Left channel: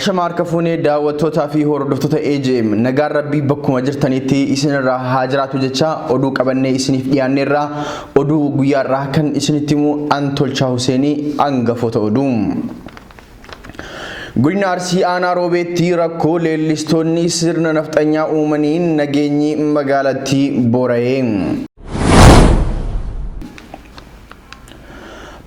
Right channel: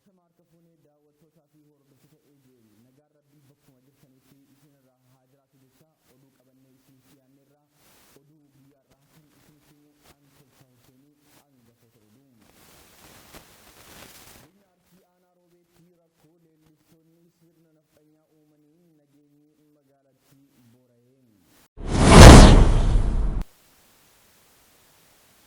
Ashamar Kafune daawwattoota fi hordoftoota AJM nagaan rabbii bakkuma jirtanitti isinirraa haajiraatu jecha oduu qabannee isiniif dhiyaanneerra oduu guyyaarraa kan isinitti himu Antolchaa Huseenii hangafoota oduu. Godina Arsii aanaa Roobeetti rakkoo leellistoonni sirna nafxanyaa uumaniin nageenyi magaalattii boora'ee.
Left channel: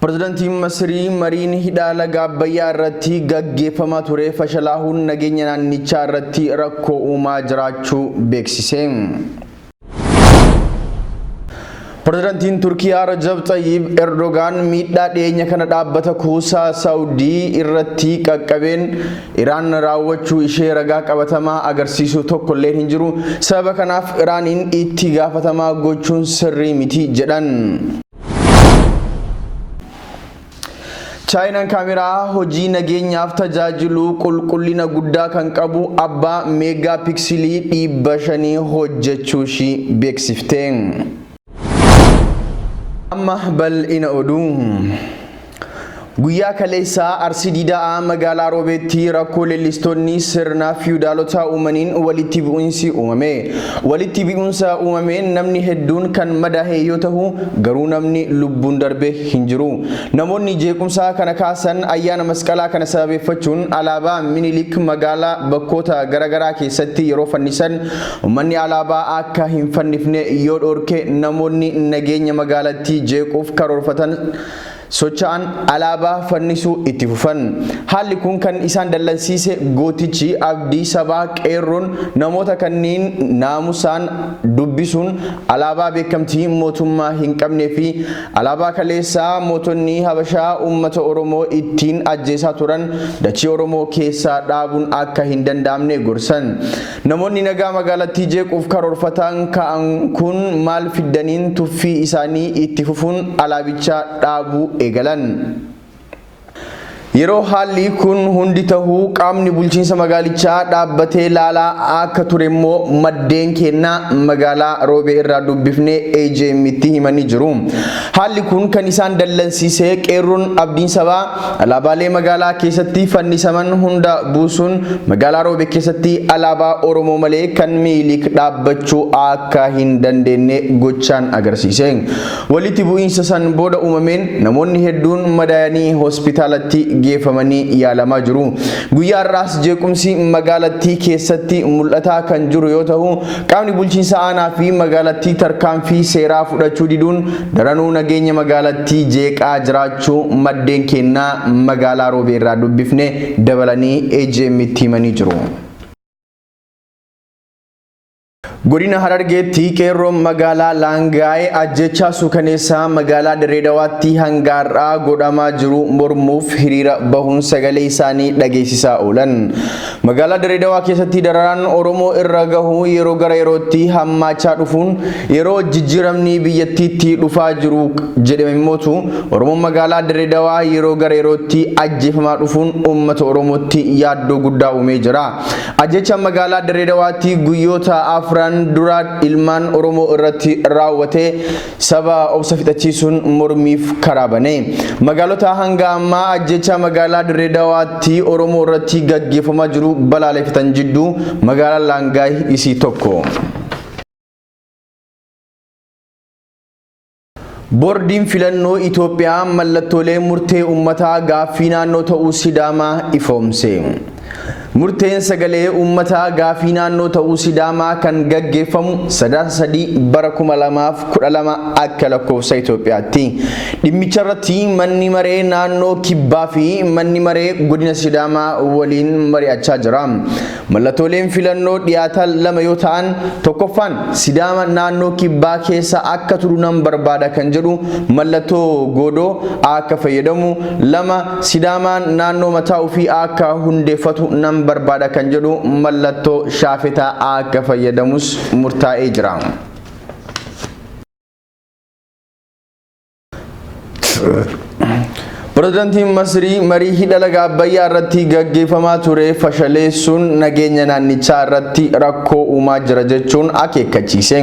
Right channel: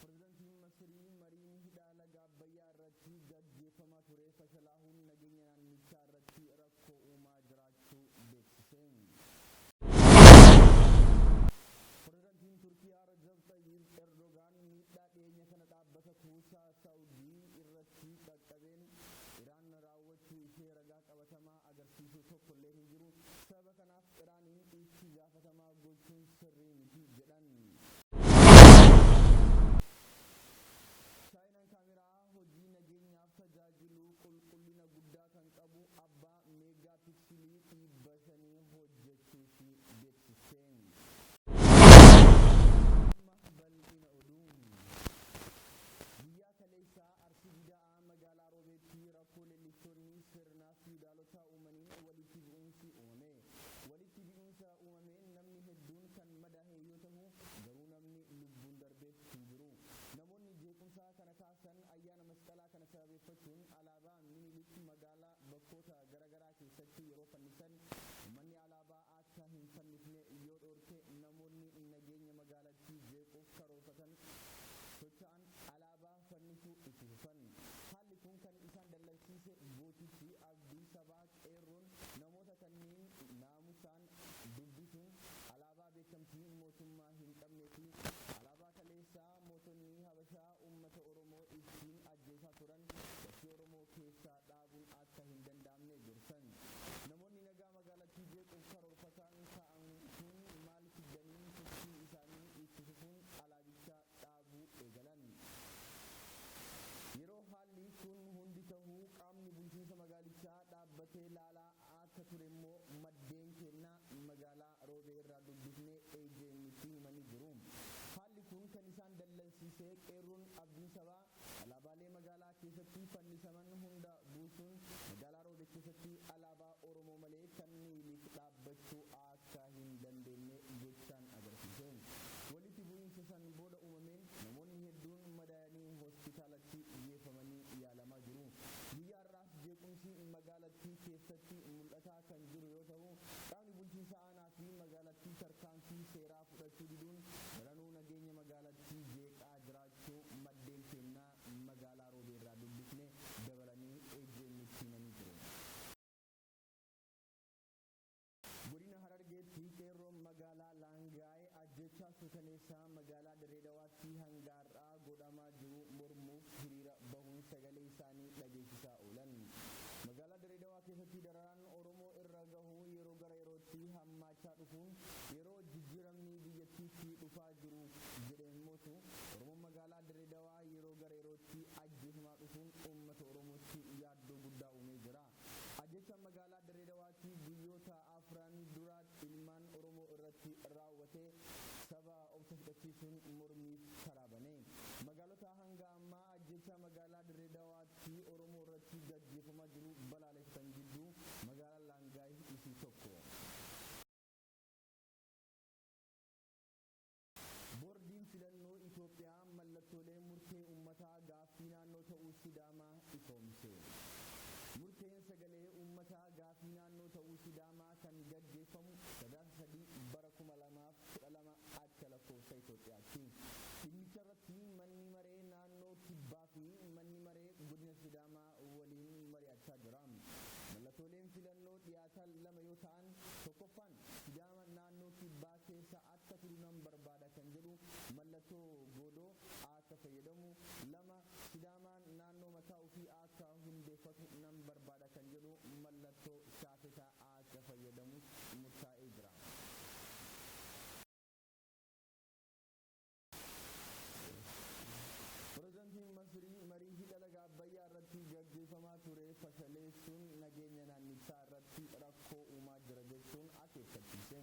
Pirezidaantiin Masrii mariin hidha laga Abbayyaa irratti gaggeeffamaa ture fashalaa'uun nageenya naannichaa irratti rakkoo uumaa jiraachuu beeksise. Pirezidaantiin Turkiyaa Rajab Tayyib Erdogan miidhaa dhiyeenya kana dhaabbata kuusaa Saawudii irratti qaqqabeen Iraan raawwachuu ishee ragaa qabatamaa agarsiisu tokko illee hin jiru. Sababa kanaaf Iraaniin itti gaafatamaa gochuun sirrii miti jedhan. Chaayinaan kaameraa hojii nageenyaaf tajaajilu qulqullina guddaa kan qabu abbaa meegaa piksilii 500 hojjechuu ishii beeksifte. Amma bal'ina oduu. Guyyaa kaleessaa Arsii Diidaa magaalaa Roobeetti rakkoo leellistoonni sirna fiwudaalota uumaniin walitti bu'insi uumame. Walitti bu'insa uumameen namni hedduun kan madaa'e yoo ta'u garuu namni lubbuun darbe hin jiru. Namoonni jeequmsa kana kaasan ayyaana masqalaa kana sababeeffachuun alaabaa Minilik magaalaa bakkoota garaagaraa keessatti yeroo fannisan uummanni alaabaa akka hin fannifne yoo dhorke namoonni nageenya magaalattii jeequuf karoorfatan socha'an alaabaa fannisuu itti fufan. Haalli kun kan isaan dallansiise gootichi abdii sabaa qeerroon namoota kanneen naamusaan dubbisuun alaabaa beekamtii mootummaa hin qabnee fi alaabaa kaleessaa mootonni Habashaa uummata Oromoo ittiin ajjeesaa turan dachii Oromoo keessaa dhaabuun akka hin danda'amne gorsan. Namoonni nagaa magaalattii jeequuf karoorfatan ka'an kun maal fiddaniin tuffii isaanii itti fufuun alaabicha dhaabuu eegalan. Yeroo haalli kun hundi tahuu qaamni bulchiinsa magaalichaa dhaabbatee laalaa akka ture immoo maddeen kennaa magaalaa Roobee irraa dubbifnee AJM'tti himanii jiru. Haalli kun kan isaan dallansiise qeerroon abdiin sabaa alaabaalee magaalaa keessatti fannisaman hunda buusuun magaalaa Roobee keessatti alaabaa Oromoo malee kan Minilik dhaabbachuu akka hin dandeenye gochaan agarsiise. Walitti bu'iinsa san booda uumameen namoonni hedduun madaa'anii hospitaalatti geeffamanii yaalamaa jiru. Guyyaa irraas jeequmsi magaalattii keessatti mul'ataa kan jiru yoo ta'u qaamni bulchiinsa aanaa fi magaalattii tarkaanfii seeraa fudhachuu diduun daranuu nageenya magaalattii jeeqaa jiraachuu maddeen kennaa magaalaa Roobee irraa dubbifne dabalanii AJM'tti himanii jiru. Godina Harargeetti qeerroon magaalaa Laangaayee ajjechaa suukaneessaa magaalaa Dirreedawaatti hangaarraa godhamaa jiru mormuuf hiriira bahuun sagalee isaanii dhageessisaa oolan. Magaalaa Dirreedawaa keessatti dararaan Oromoo irra gahu yeroo gara yerootti hammaachaa dhufuun yeroo jijjiiramni biyyattiitti dhufaa jiru jedhame mootu Oromoon magaalaa Dirreedawaa yeroo gara yerootti ajjeefamaa dhufuun uummata Oromootti yaaddoo guddaa uumee jira. Ajjechaan magaalaa Dirreedawaatti guyyoota afran dura ilmaan Oromoo irratti raawwatee saba obsa fixachiisuun mormiif karaa bane. Magaalota hanga ammaa ajjechaa magaalaa Dirreedawaatti Oromoo irratti gaggeeffamaa jiru balaaleffatan jidduu magaalaa Laangaayee isii tokko. Boordiin filannoo Itoophiyaa mallattoolee murtee uummataa gaaffii naannoo ta'uu Sidaamaa ifoomse. Murteen sagalee uummataa gaaffii naannoo ta'uu Sidaamaa kan gaggeeffamu 3/2012 akka lakkoofsa Itoophiyaatti. Dhimmicha irratti manni maree naannoo Kibbaa fi manni maree godina Sidaamaa waliin mari'achaa jira. Mallattooleen filannoo dhiyaatan lama yoo ta'an tokkoffaan Sidaama naannoo Kibbaa keessa akka turu nan barbaada kan jedhu mallattoo goodoo akka fayyadamu, lama Sidaamaan naannoo mataa ofii akka hundeeffatu nan barbaada kan jedhu mallattoo shaafetaa akka fayyadamus murtaa'ee jira. Pirezidaantiin Masrii marii hidha laga Abbayyaa irratti gaggeeffamaa ture fashaleessuun nageenya naannichaa irratti rakkoo uumaa jira jechuun akeekkachiise.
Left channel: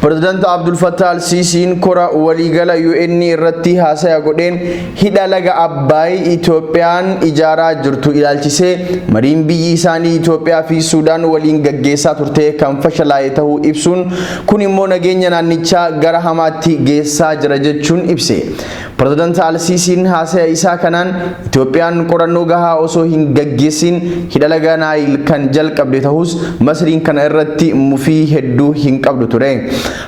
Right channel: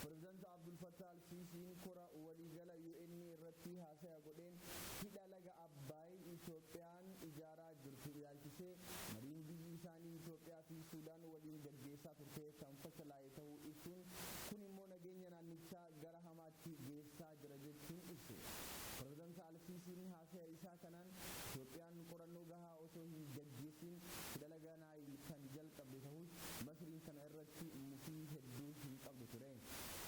President Abdul Fattah al-Sisiin kora waliigala UN irratti haasaya godheen hidha laga Abbaay Itoophiyaan ijaaraa jirtu ilaalchisee mariin biyyi isaanii Itoophiyaa fi Suudaan waliin gaggeessaa turte kan fashalaa'e ta'uu ibsuun kun immoo nageenya naannichaa gara hamaatti geessaa jira jechuun ibse. President al-Sisiin haasaya isaa kanaan Itoophiyaan qorannoo gahaa osoo hin gaggeessin hidha laga Naayil kan jalqabde ta'us Masriin kana irratti mufii hedduu hin qabdu ture.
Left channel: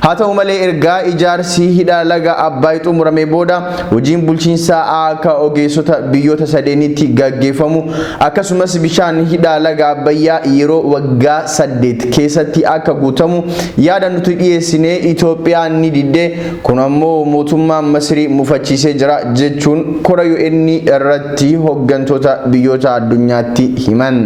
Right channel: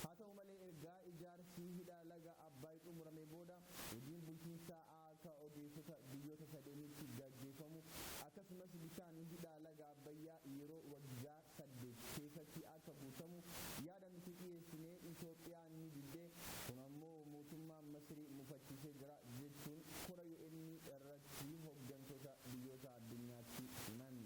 Haa ta'u malee ergaa ijaarsi hidha laga Abbaay xumuramee booda hojiin bulchiinsaa akka ogeessota biyyoota sadeenitti gaggeeffamu akkasumas bishaan hidha laga Abbayyaa yeroo waggaa 8 keessatti akka guutamu yaada nuti dhiyeessinee Itoophiyaan ni didde kun ammoo mootummaan Masrii mufachiisee jira jechuun kora UN irratti hooggantoota biyyoota addunyaatti himan.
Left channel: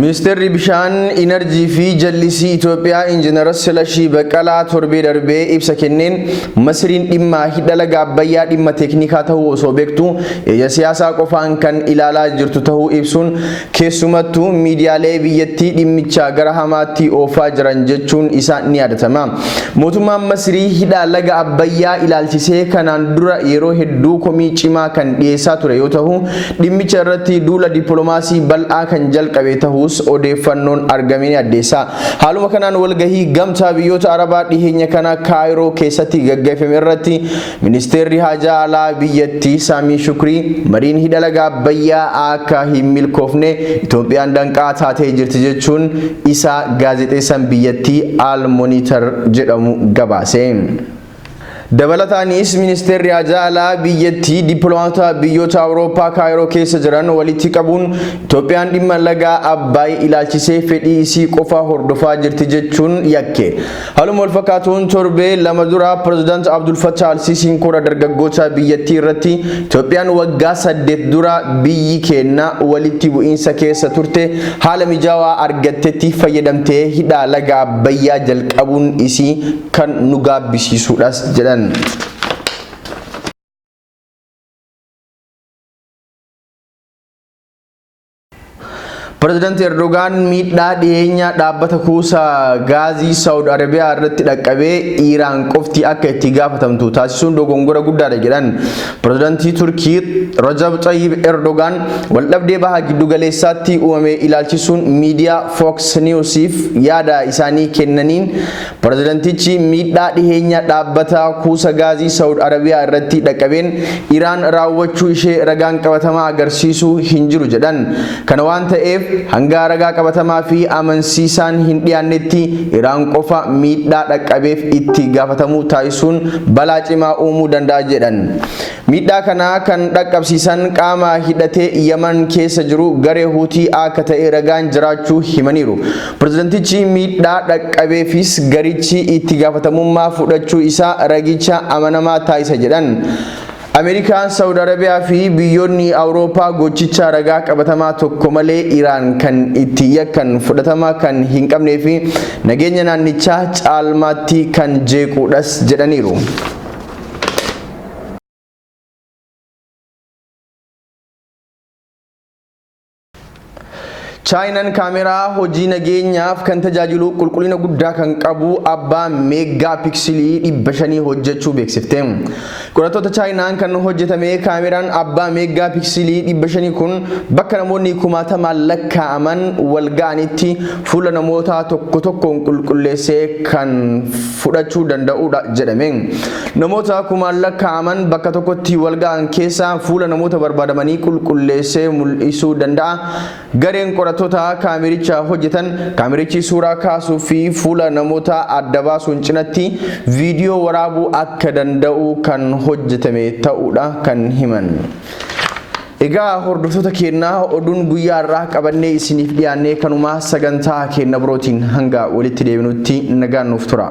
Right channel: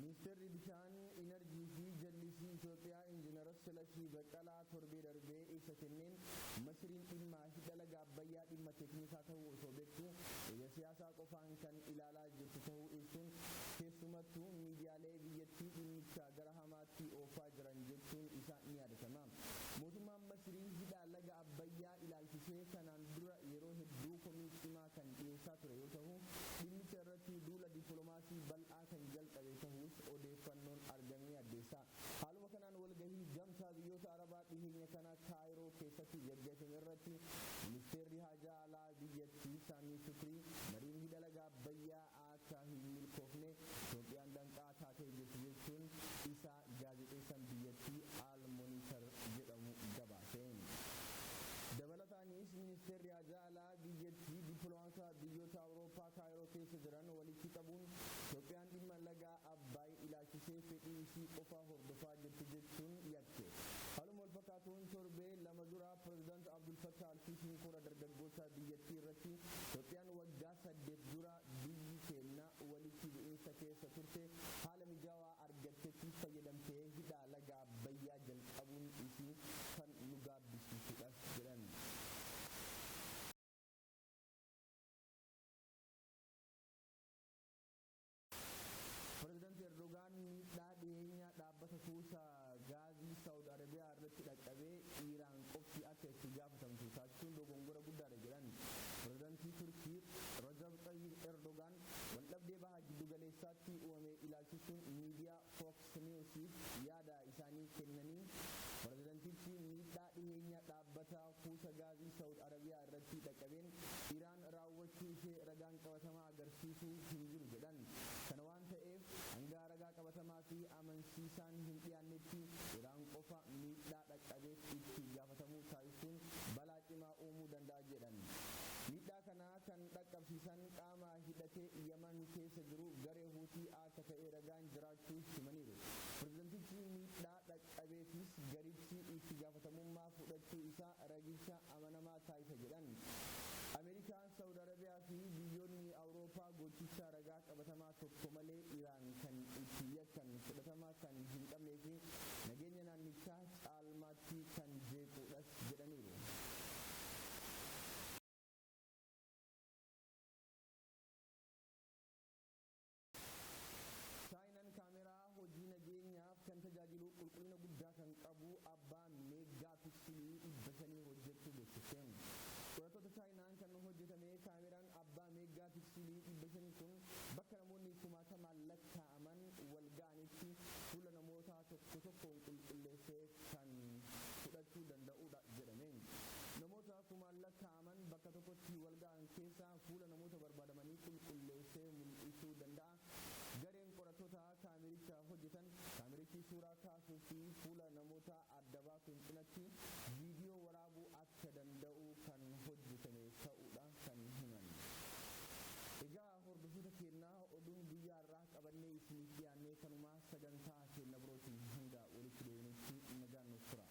Ministeerri bishaan Inerjii fi Jallisii Itoophiyaa Injiinar Silashii Baqqalaa torbee darbee ibsa kenneen Masriin dhimma hidha laga Abbayyaa dhimma teeknikaa ta'uu osoo beektu ija siyaasaa qofaan kan ilaalaa jirtu ta'uu ibsuun keessumattuu miidiyaalee biyyattii dhimmicha gara hamaatti oofaa jiran jechuun isaa ni yaadatama. Mootummaan Masrii hidha laga Abbayyaa ilaalchisee kanaan dura yeroo hedduu komii cimaa kan dhiyeessaa ture yoo ta'u dhimmicha irratti duula dippiloomaasii bal'aa kan jalqabe ta'uu odeeffannoon argameen addeessa. Haaluma kanaan walgahii gamtaa biyyoota Arabaa dhiheenya kana Kaayiroo keessatti gaggeeffame irratti ministeerri haajaa alaa biyyattii Saamii Shukrii mariin hidha laga Abbayyaa akka hin milkoofne Itoophiyaan danqaa taatee jirti jechuun isaa gaazexeessaan biyyattii Al Monitor jedhamu gabaase. Dabalataanis ministeerri haajaa alaa biyyattii dippiloomaatota biyyoota Awurooppaa Kaayiroo keessa jiran walitti qabuun Itoophiyaan dhimma laga Abbaay ilaalchisee fedhii isii qofa hordofaa jirti jechuun yakke. Haaluma wal fakkaatuun torbee lama dura President Abdul Fattah al-Sisiin kora dargaggoota biyyattii irratti Itoophiyaan waggaa 8 dura biyyi keenya walitti bu'iinsa keessa turte haala mijaawaa argattetti fayyadamtee hidha laga Abbayyaa jalqabuun isii kan nu gaabbisiisuudhas jedhan. President Erdogan miidhaa dhiyeenya dhaabbata kuusaa gaazii Saawud Arabiyaa irratti dhaqqabee Iraan qofti akka itti gaafatamtu taasisuun dogongora guddaadha jedhan. Prezidantii Turkii Rajab Tayyip Erdogan waldhabdee baha giddu galeessaatti uumame ilaalchisuun miidiyaa Fox Newsiif yaada isaanii kennaniin prezidantichi miidhaa dhiyeenya dhaabbata kuusaa gaazii Saawud Arabiyaa irratti dhaqqabeen Iraan raawwachuu ishee ragaan qabatamaa agarsiisuu hin jiru jedhan. Kana waan ta'eef hanga ragaa qabatamaa fi amansiisaan hin dhiyaannetti Iraan qofa miidhaa dhaqqabeef itti gaafatamuu taasisuun balaa cimaa uumuu danda'a jedhan. Miidhaa kana kan dhaqqabsiisan qaama hidhatee Yaman keessa jiru garee Huutii akka ta'e ragaan jiraachuu himaniiru. Prezidantichi miidhaa dhaqqabeefis garichi itti gaafatamummaa fudhachuu isaa ragicha amanamaa taasisa jedhan. Ameerikaan, Saawud Arabiyaa fi biyyoonni Awurooppaa gochicha ragaa qabatamaa tokko malee Iraan kan itti yakkan fudhatama kan hin qabnee fi nageenya naannichaa caalmaatti kan jeequudhas jedhaniiru. Chaayinaan kaameraa hojii nageenyaaf kan tajaajilu qulqullina guddaa kan qabu abbaa meegaa piksilii 500 hojjechuu beeksifte. Qorattoota Chaayinaan kan hojjetame kaameraan abbaa meegaa piksilii 500 kun bakka namoonni 10,000 lakkaa'aman wal ga'anitti fuula namoota tokko tokkoon qulqulleessee kan fudhachuu danda'udha jedhame. Namoota 10,000 lakkaa'aman bakka tokkotti wal ga'an keessaa fuula namoota barbaadamanii qulqulleessee mul'isuu danda'a. Gareen qorattoota kaamericha hojjetan kaamerichi suuraa kaasuu fi fuula namoota adda baasuun cinatti viidiyoo waraabuu akka danda'u kan hojjetame ta'uudha kan himan. Egaa hordoftoota keenyaa oduun guyyaa irraa qabannee isiniif dhiyaannee kanuma sagantaa keenya birootiin hanga walitti deebinutti nagaan nuuf tura.